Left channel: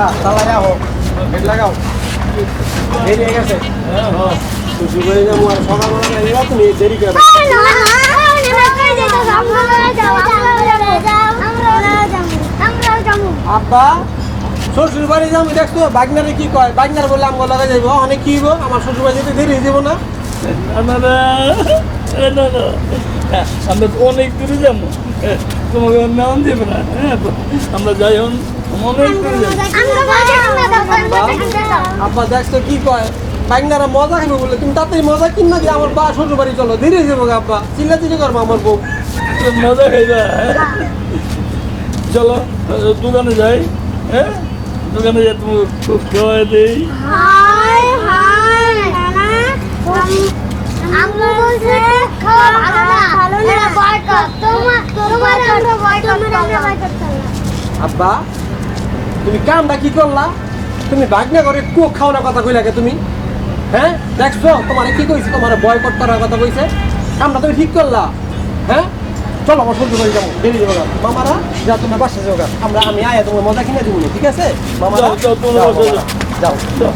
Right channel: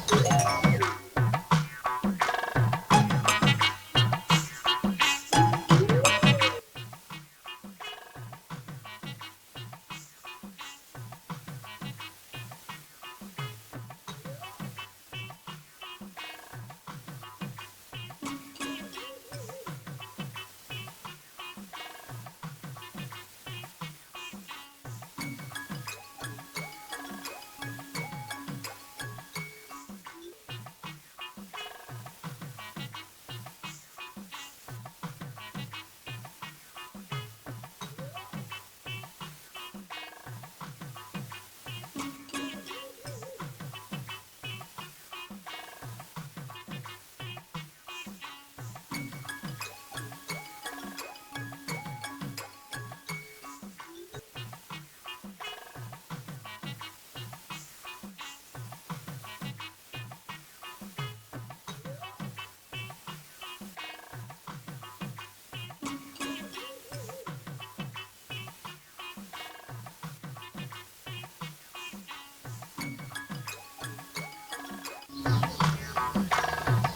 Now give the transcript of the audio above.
আব্বা তালা রাখো গেট লাগাও দেরি হয়ে গেছে খুশি করে যাবো আর সকালবেলা যাইবা তুমি দেরি করে আব্বা শ্বশুর বাড়ি যাবো দেখছো বাগনারে কি কয় বাগনার বললে আমগো লাগা যাইবো অনেক কি হইব আমার শ্বশুর বাড়ি যেতে দেরি হয়ে যাবো না আমরা তো অনেক দূরে যাবো তোমাকে নাম দেবে না আমরা যাই হন অনেক দূরে যাবো আব্বা দেখছো কি কয় বাগনারা মজা খাইবো বলে তুমি তাতেই মজা কিন না যে আমার বা শ্বশুর বাড়ি চলো দেরি হয়ে যাবো আব্বা চিল্লা চিল্লি করবো আমার বউ মজা খাইবা চলো দোকানে যাই হ্যাঁ দোকানে যাই তুমি খুব খাওয়াই দিই আব্বা তুমি কামটা কি করলা তুমি বাগনা করে কোক খাওয়ানোর কথা কইলা কে তুমি হ্যাঁ দেখছো তোমার কি কইছে তোমার বয়কট করার কথা কইছে কামটা তুমি ঠিক করলা হ্যাঁ চলো আমার শ্বশুর বাড়ি যাবো দেরি যাবো মামারা যা তোমার বাসা যাও আমি আয়া তোমার মজা কিনে দিব ঠিক আছে মামারা যাও, যাও, তোমরা যাও, যাও। যাও